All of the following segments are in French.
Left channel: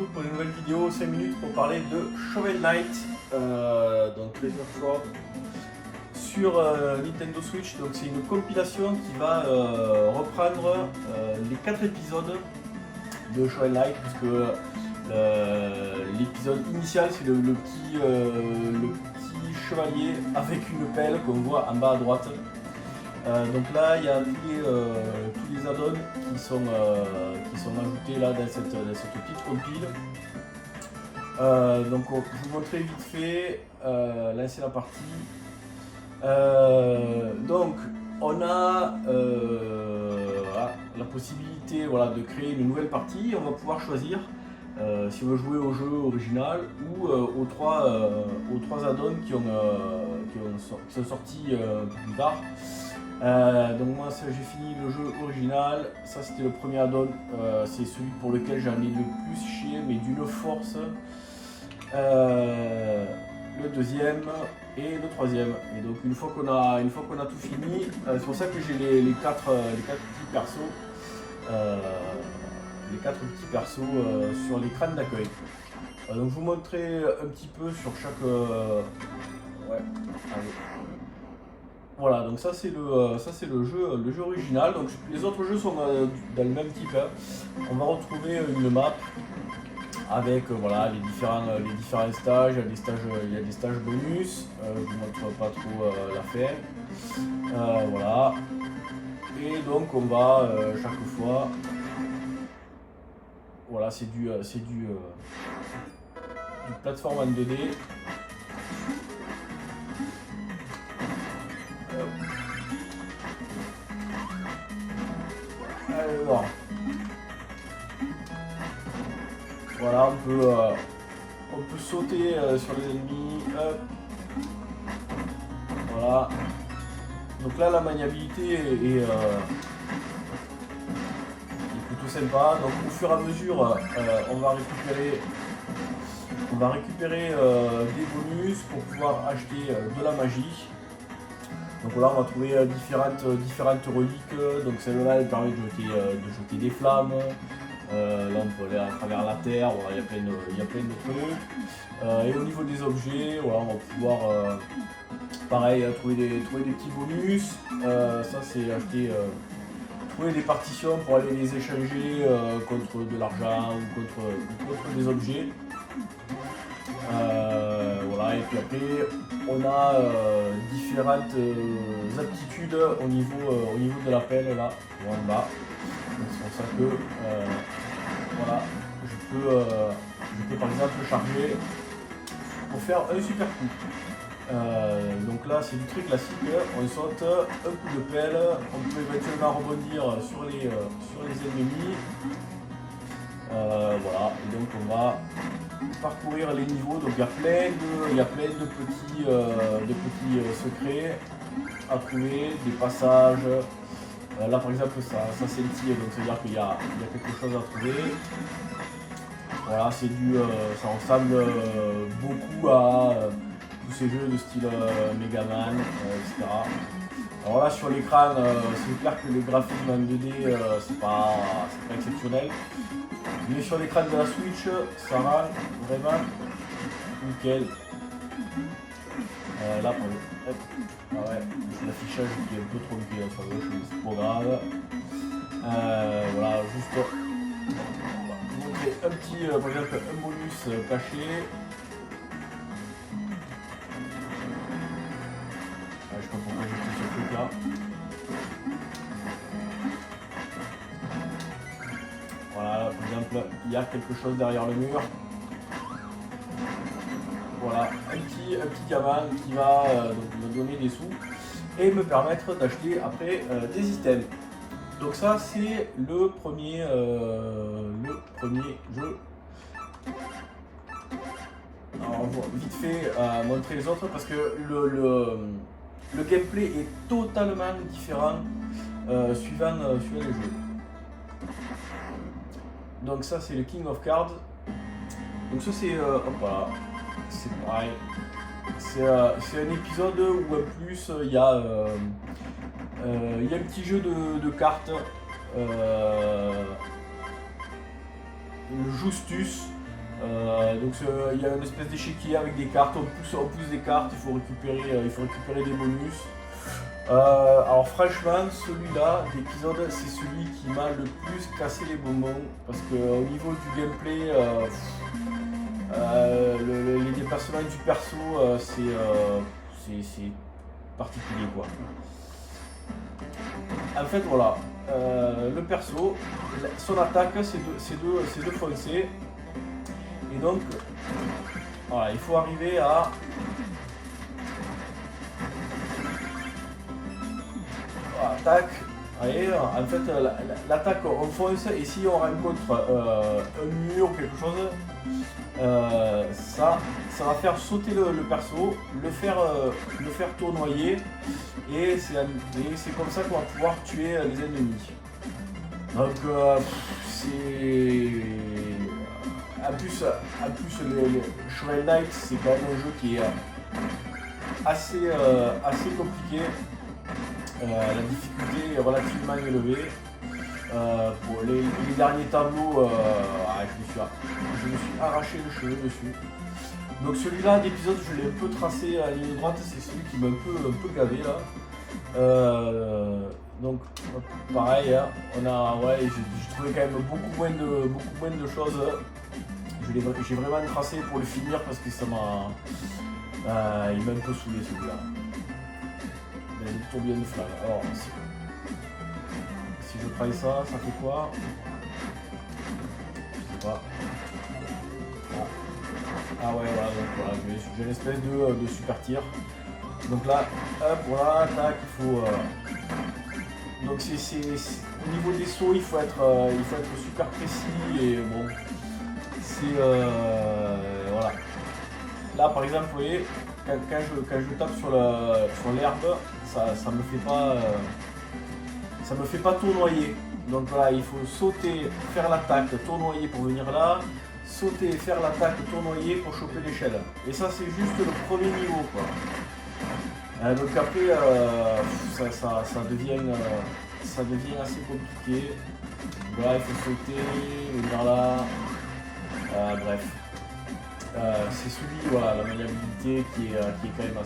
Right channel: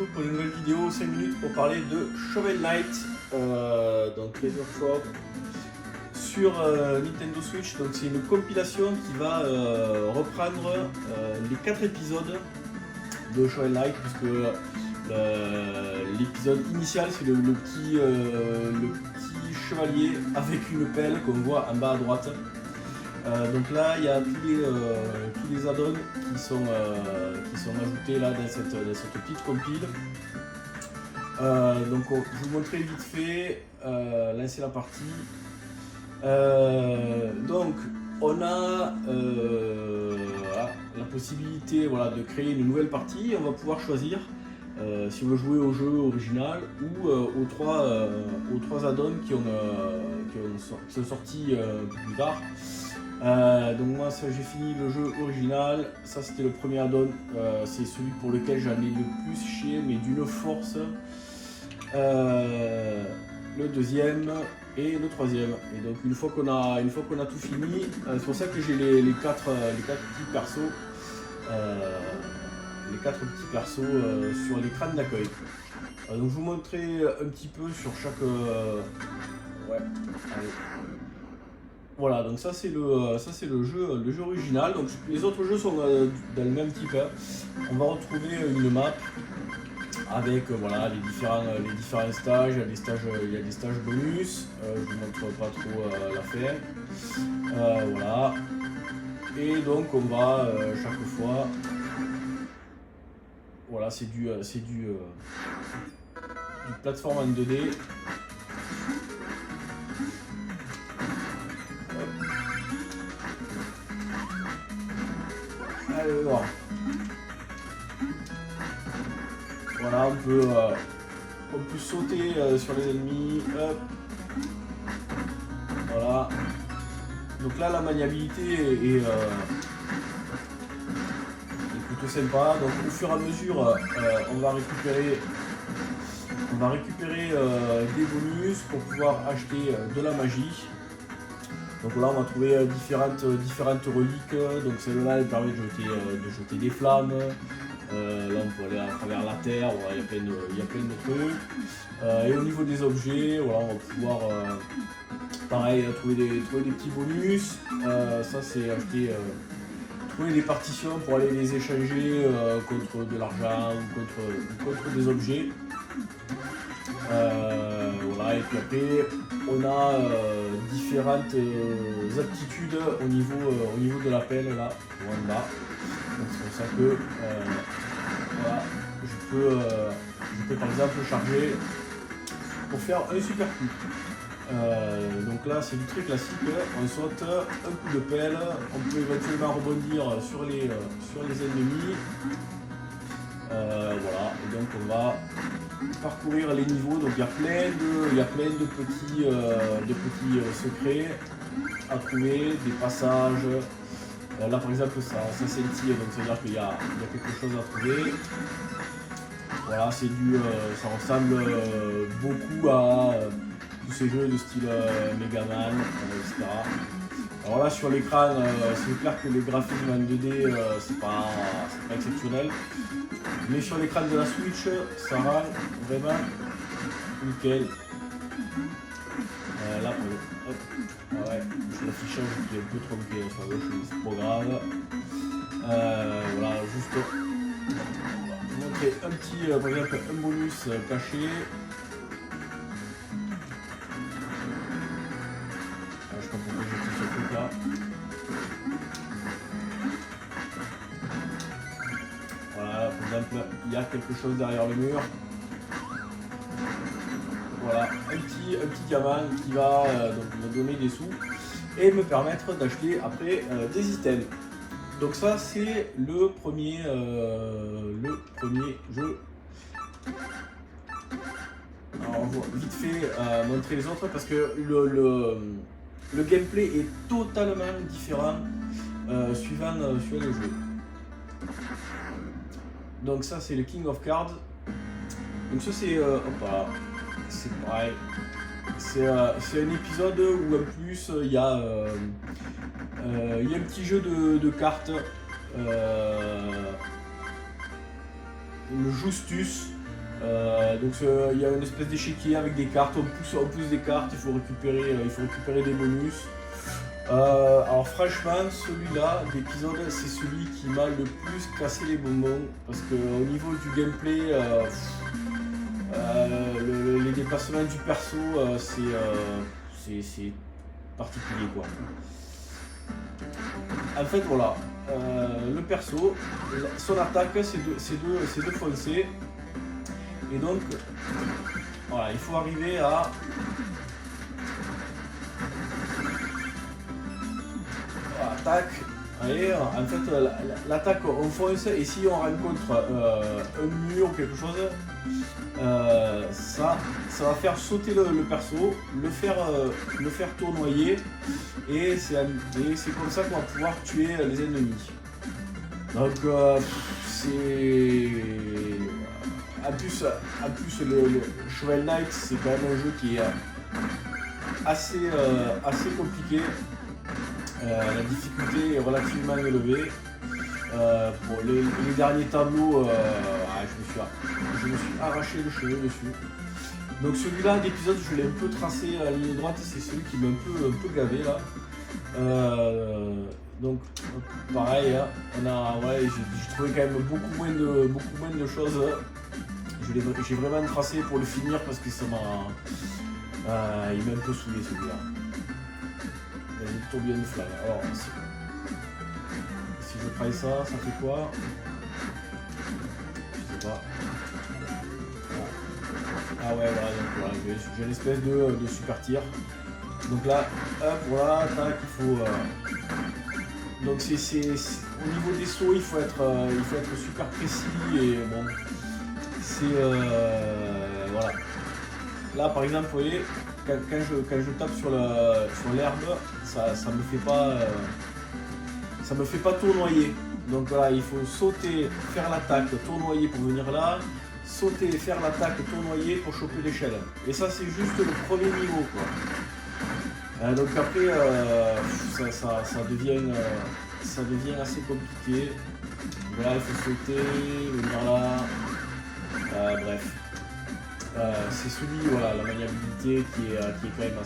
retrouve pour une nouvelle vidéo, 5 minutes pour parler de Shovel Knight, donc Treasure Trove sur Nintendo Switch. Donc c'est une compilation qui va reprendre les 4 épisodes de Shovel Knight, puisque l'épisode initial c'est le petit chevalier avec une pelle qu'on voit en bas à droite. Donc là il y a tous les add-ons qui sont ajoutés là dans cette petite compile. Donc je vais vous montrer vite fait, lancer la partie. Donc on a la possibilité de créer une nouvelle partie. On va pouvoir choisir si on veut jouer au jeu original ou aux trois add-ons qui sont sortis plus tard. Donc moi j'ai fini le jeu original, ça c'était le premier add-on, c'est celui pour lequel j'en ai le plus chié, mais d'une force. Le deuxième et le troisième. Et donc une fois qu'on a tout fini, c'est pour ça que j'ai les quatre petits persos. Les 4 petits persos sur l'écran d'accueil. Donc je vous montrer un petit peu sur chaque. Voilà, donc ça c'est le jeu original. Donc les autres jeux sont dans le même type. On va retrouver une map avec les différents stages. Il y a des stages bonus. Je vous montre pas trop la faire. Voilà. Et donc on va chaque fois. Voilà, c'est du plateforme en 2D. Alors, voilà, on peut sauter sur les ennemis. Hop. Voilà. Donc là, la maniabilité est plutôt sympa. Donc au fur et à mesure, on va récupérer des bonus pour pouvoir acheter de la magie. Donc là on va trouver différentes reliques. Donc celle-là elle permet de jeter des flammes. Là on peut aller à travers la terre. Voilà, il y a plein de trucs. Et au niveau des objets, voilà, on va pouvoir pareil trouver des petits bonus. Ça c'est acheter. Trouver des partitions pour aller les échanger contre de l'argent ou contre des objets. Voilà, et puis après on a différentes aptitudes au niveau de la pelle là, en bas. Donc c'est pour ça que voilà, je peux par exemple charger pour faire un super coup. Donc là c'est du très classique, on saute, un coup de pelle, on peut éventuellement rebondir sur les ennemis. Voilà, et donc on va parcourir les niveaux. Donc il y a plein de petits secrets à trouver, des passages. Là par exemple ça scintille, donc c'est à dire qu'il y a quelque chose à trouver. Voilà, ça ressemble beaucoup à tous ces jeux de style Megaman, etc. Alors là sur l'écran, c'est clair que les graphismes en 2D c'est pas exceptionnel. Mais sur l'écran de la Switch, ça rend vraiment nickel. Là, c'est l'affichage qui est un peu tronqué sur le jeu, c'est pas grave. Voilà, juste vous montrer un petit, par exemple, un bonus caché. Je sais pas pourquoi j'ai fait ce truc là. Voilà, par exemple, il y a quelque chose derrière le mur. Voilà, un petit gamin qui va me donner des sous et me permettre d'acheter après des items. Donc ça c'est le premier jeu. Alors, on va vite fait montrer les autres parce que le gameplay est totalement différent suivant le jeu. Donc ça c'est le King of Cards. Donc ça c'est c'est pareil. C'est un épisode où en plus il y a un petit jeu de cartes. Le Justus. Donc il y a une espèce d'échiquier avec des cartes, on pousse des cartes, il faut récupérer des bonus. Alors franchement, celui-là, d'épisode, c'est celui qui m'a le plus cassé les bonbons, parce qu'au niveau du gameplay, les déplacements du perso, c'est particulier quoi. En fait voilà, le perso, son attaque c'est de foncer, et donc voilà, il faut arriver à attaque. Allez, en fait l'attaque on fonce, et si on rencontre un mur ou quelque chose, ça va faire sauter le perso, le faire tournoyer, et c'est comme ça qu'on va pouvoir tuer les ennemis. Donc c'est en plus le Shovel Knight, c'est quand même un jeu qui est assez compliqué. La difficulté est relativement élevée. Pour les derniers tableaux, je me suis arraché les cheveux dessus. Donc celui-là d'épisode, je l'ai un peu tracé à la ligne droite, c'est celui qui m'a un peu gavé là. Donc pareil, hein, j'ai trouvé quand même beaucoup moins de choses. J'ai vraiment tracé pour le finir parce que ça m'a il m'a un peu saoulé celui-là. Il y a une tourbillon de flamme. Alors si je travaille ça fait quoi? Je sais pas. Ah ouais, voilà, donc voilà, j'ai une espèce de super tir. Donc là, hop, voilà, tac, il faut. Donc au niveau des sauts, il faut être super précis, et bon, c'est voilà. Là par exemple, vous voyez, quand je tape sur l'herbe, ça me fait pas tournoyer. Donc voilà, il faut sauter, faire l'attaque, tournoyer pour venir là, sauter, faire l'attaque, tournoyer pour choper l'échelle. Et ça c'est juste le premier niveau quoi. Donc après ça devient assez compliqué. Là il faut sauter, venir là. Bref. C'est celui, voilà, la maniabilité qui est quand même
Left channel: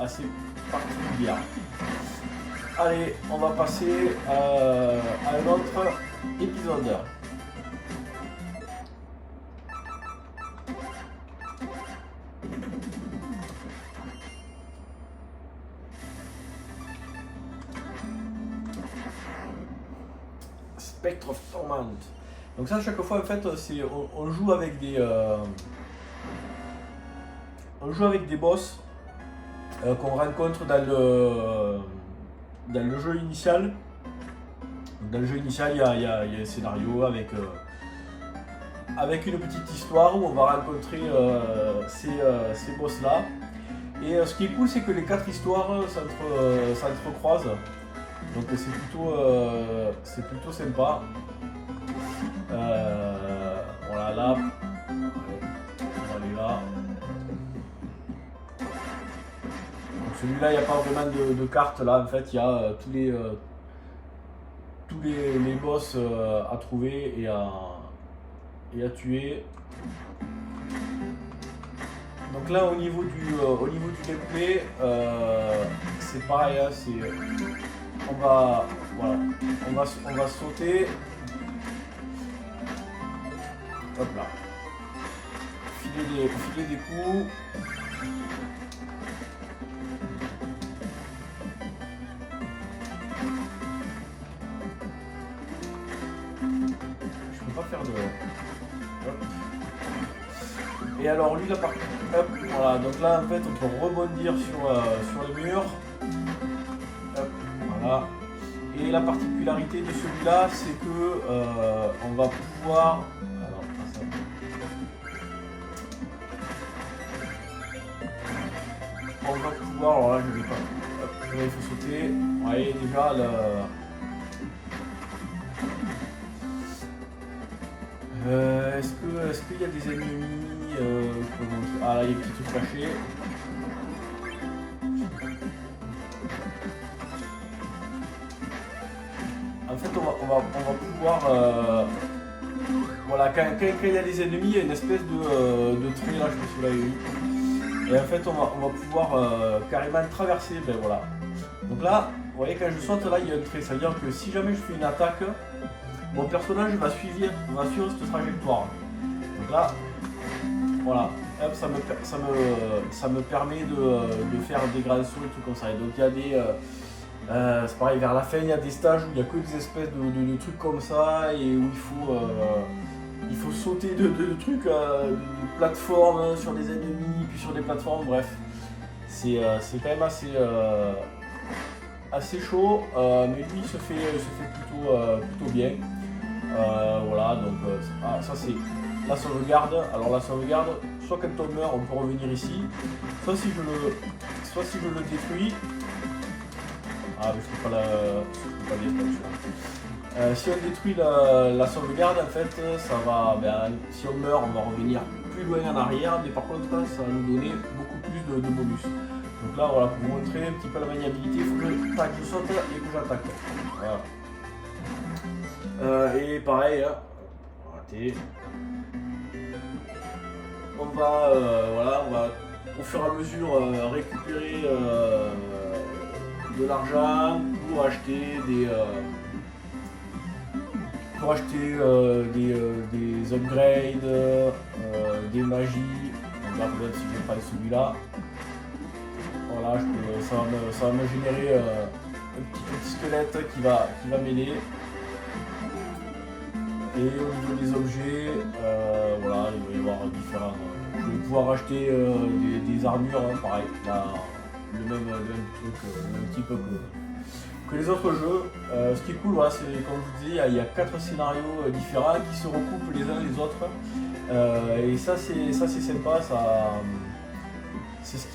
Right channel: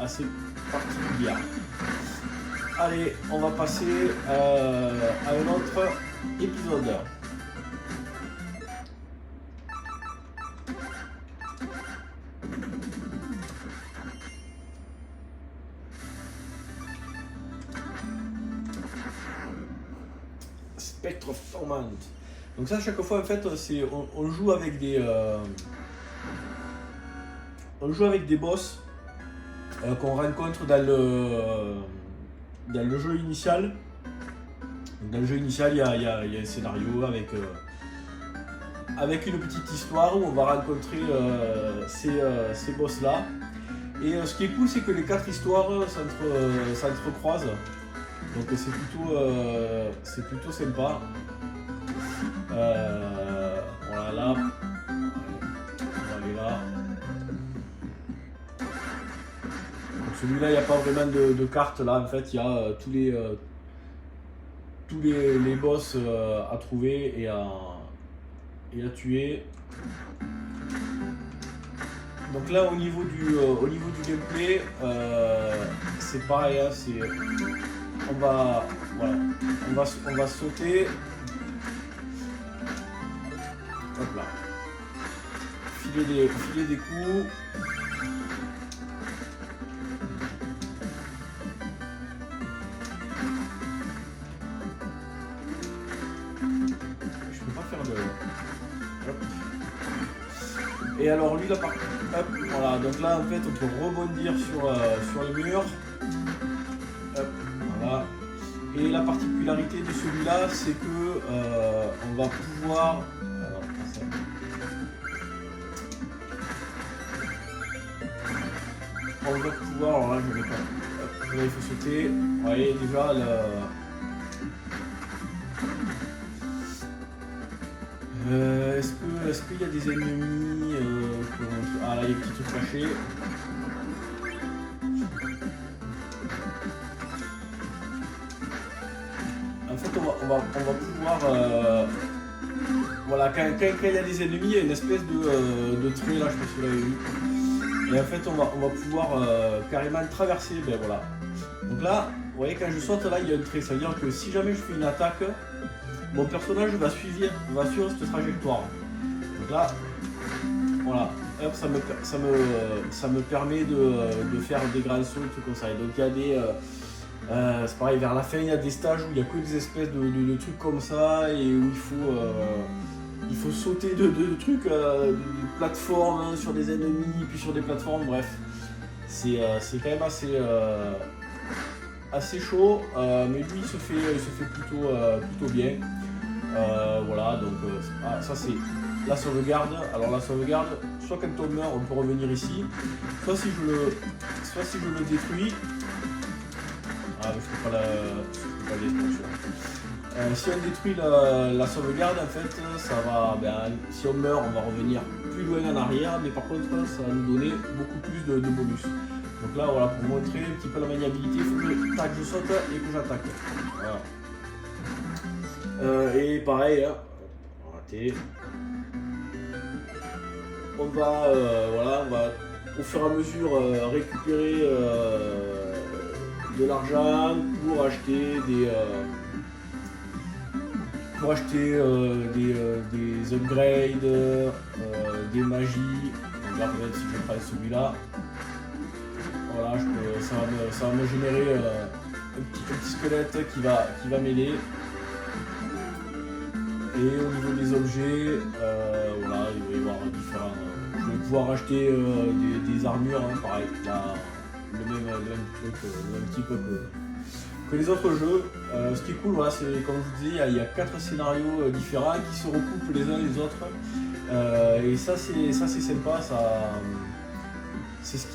assez particulière. Allez, on va passer à un autre épisode. Spectre of Torment. Donc ça, chaque fois en fait, on joue avec des boss qu'on rencontre dans le jeu initial. Donc dans le jeu initial, il y a un scénario avec une petite histoire où on va rencontrer ces boss là. Et ce qui est cool, c'est que les 4 histoires s'entrecroisent. Donc c'est plutôt sympa. Voilà, là, on va aller là. Donc celui-là, il n'y a pas vraiment de carte là. En fait, il y a tous les boss à trouver et à tuer. Donc là, au niveau du gameplay, c'est pareil. Hein, on va sauter. Hop là. Filer des coups. Je peux pas faire de... Hop. Et alors lui là, hop, voilà, donc là en fait on peut rebondir sur le mur. Hop, voilà. Et la particularité de celui-là, c'est que on va pouvoir... alors là je vais pas. Hop, là, il faut sauter. Vous voyez déjà est-ce qu'il y a des ennemis ah là il y a des petits trucs cachés. En fait on va pouvoir voilà, quand il y a des ennemis, il y a une espèce de trait là, je sais pas si vous l'avez vu. Et en fait, on va pouvoir carrément traverser, ben voilà. Donc là, vous voyez, quand je saute là, il y a un trait. Ça veut dire que si jamais je fais une attaque, mon personnage va suivre cette trajectoire. Donc là, voilà, hop, ça me permet de faire des grands sauts, des trucs comme ça. Et donc il y a des... c'est pareil, vers la fin, il y a des stages où il n'y a que des espèces de trucs comme ça et où il faut sauter de trucs, de plateformes sur des ennemis, puis sur des plateformes, bref. C'est quand même assez chaud, mais lui il se fait plutôt bien. Voilà, donc ça c'est la sauvegarde. Alors la sauvegarde, soit quand on meurt, on peut revenir ici, soit si je le détruis. Ah, mais je ne peux pas détruire. Si on détruit la sauvegarde, en fait, ça va. Si on meurt, on va revenir plus loin en arrière, mais par contre, ça va nous donner beaucoup plus de bonus. Donc là, voilà, pour vous montrer un petit peu la maniabilité, il faut que je saute et que j'attaque. Voilà. Et pareil, hein, raté. On va, au fur et à mesure récupérer de l'argent pour acheter des upgrades, des magies. On va regarder si je prends celui-là. Voilà, ça va me générer un petit squelette qui va m'aider. Et au niveau des objets, voilà, il va y avoir différents. Je vais pouvoir acheter des armures, hein, pareil, le même truc, le même type que les autres jeux. Ce qui est cool, voilà, c'est comme je vous disais, il y a 4 scénarios différents qui se recoupent les uns les autres. Et ça c'est sympa, c'est ce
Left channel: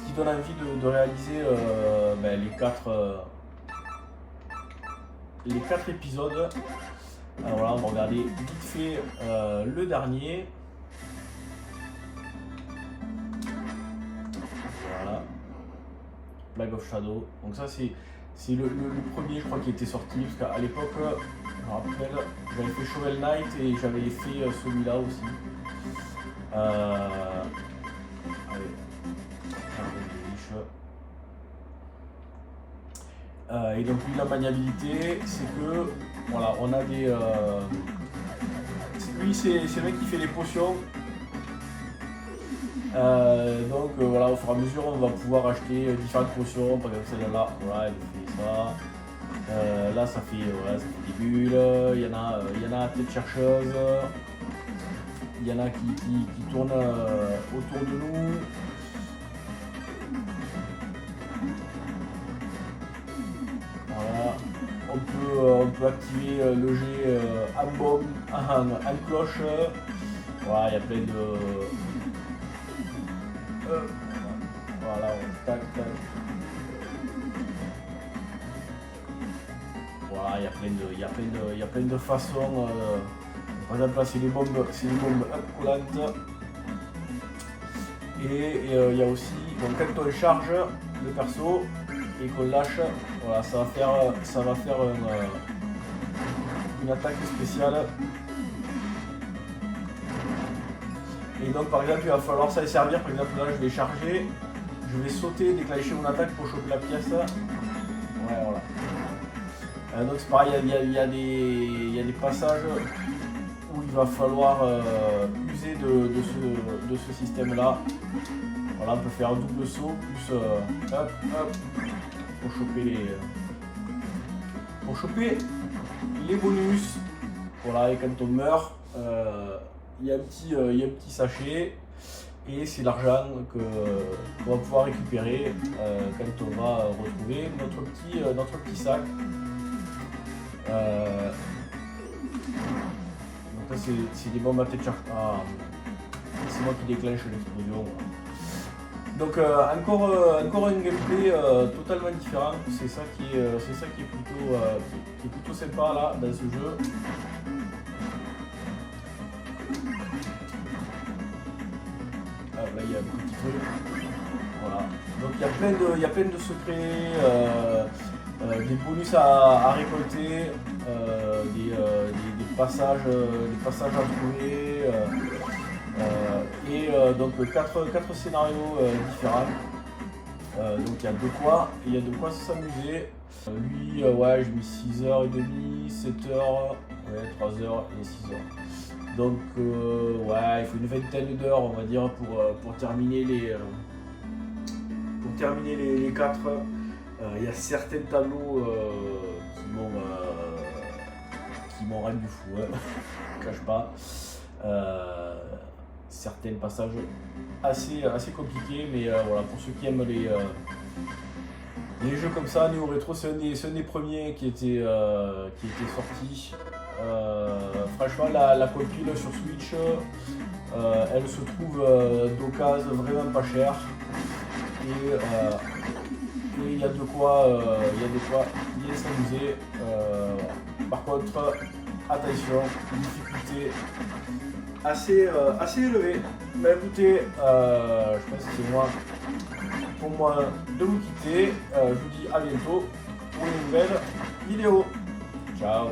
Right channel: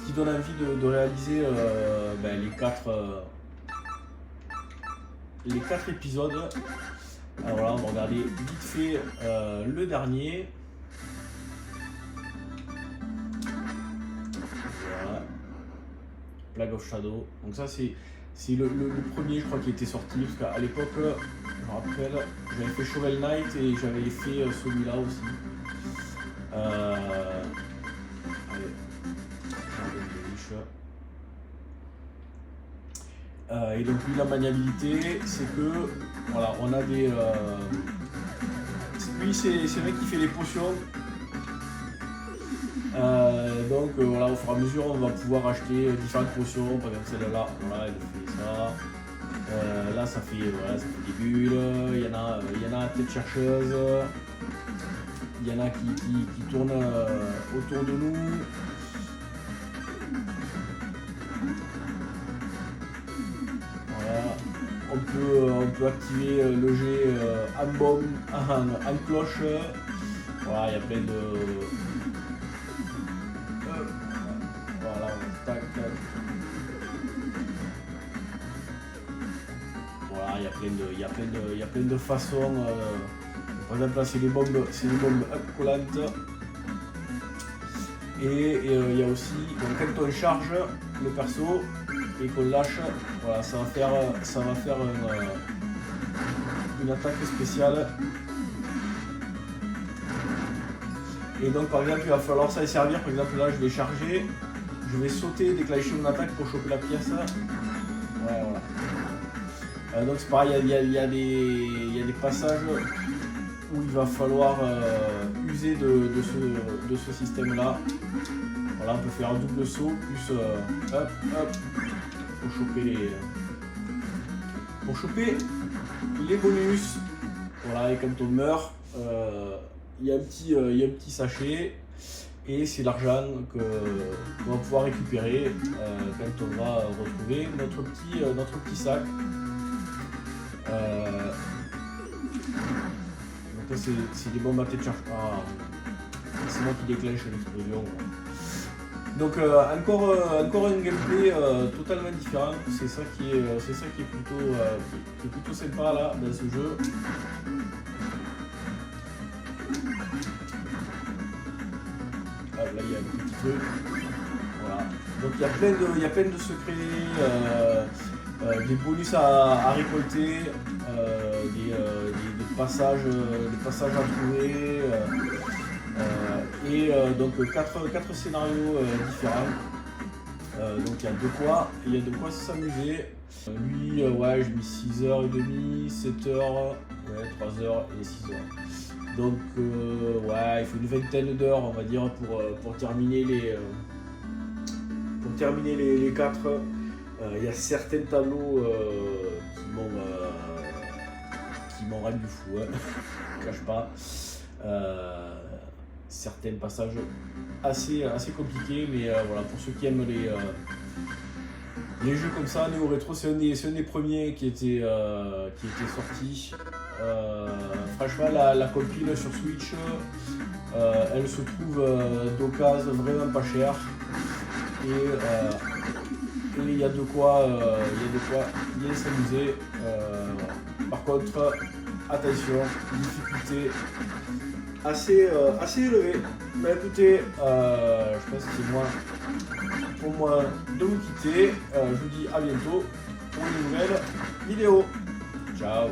qui donne envie de réaliser les 4 épisodes. Alors voilà, on va regarder vite fait le dernier. Voilà. Plague of Shadow. Donc ça c'est le premier, je crois, qui était sorti, parce qu'à l'époque, je me rappelle, j'avais fait Shovel Knight et j'avais fait celui-là aussi. Et donc lui, la maniabilité, c'est que voilà, on a des. Lui, c'est le mec qui fait les potions. Donc voilà, au fur et à mesure, on va pouvoir acheter différentes potions. Par exemple, celle-là, voilà, elle fait ça. Là, ça fait des bulles. Il y en a tête chercheuse. Il y en a qui tournent autour de nous. On peut activer le jet en cloche. Voilà, il y a plein de. Voilà, tac, tac. Voilà, il y a plein de façons. Par exemple, là, c'est des bombes collantes. Et il y a aussi, donc, quand on charge le perso et qu'on lâche, voilà, ça va faire une attaque spéciale. Et donc par exemple il va falloir ça servir, par exemple là je vais charger, je vais sauter, déclencher mon attaque pour choper la pièce. Ouais, voilà. Donc c'est pareil, il y a des passages où il va falloir user de ce système là. Voilà, on peut faire un double saut plus hop hop pour choper les bonus. Voilà, et quand on meurt, il y a un petit sachet et c'est l'argent qu'on va pouvoir récupérer quand on va retrouver notre petit sac. Donc là c'est des bombes à tête chargée. C'est moi qui déclenche l'explosion. Donc encore un gameplay totalement différent. C'est ça qui est plutôt sympa là dans ce jeu. Ah, là il y a un petit truc. Voilà. Donc il y a plein de secrets. des bonus à récolter, des passages à trouver, donc 4 scénarios différents. Donc il y a de quoi s'amuser. Lui, ouais, j'ai mis 6h30, 7h, ouais, 3h et 6h. Donc ouais, il faut une vingtaine d'heures, on va dire, pour terminer les 4. Il y a certains tableaux qui m'ont rendu fou, hein. Je ne cache pas. Certains passages assez compliqués, mais voilà, pour ceux qui aiment les jeux comme ça, Néo Rétro, c'est un des premiers qui était sorti. Franchement, la compile sur Switch, elle se trouve d'occasion vraiment pas chère. Et il y a de quoi bien s'amuser. Par contre, attention, difficulté assez élevée. Bah écoutez, je pense que c'est pour moi de vous quitter. Je vous dis à bientôt pour une nouvelle vidéo. Ciao.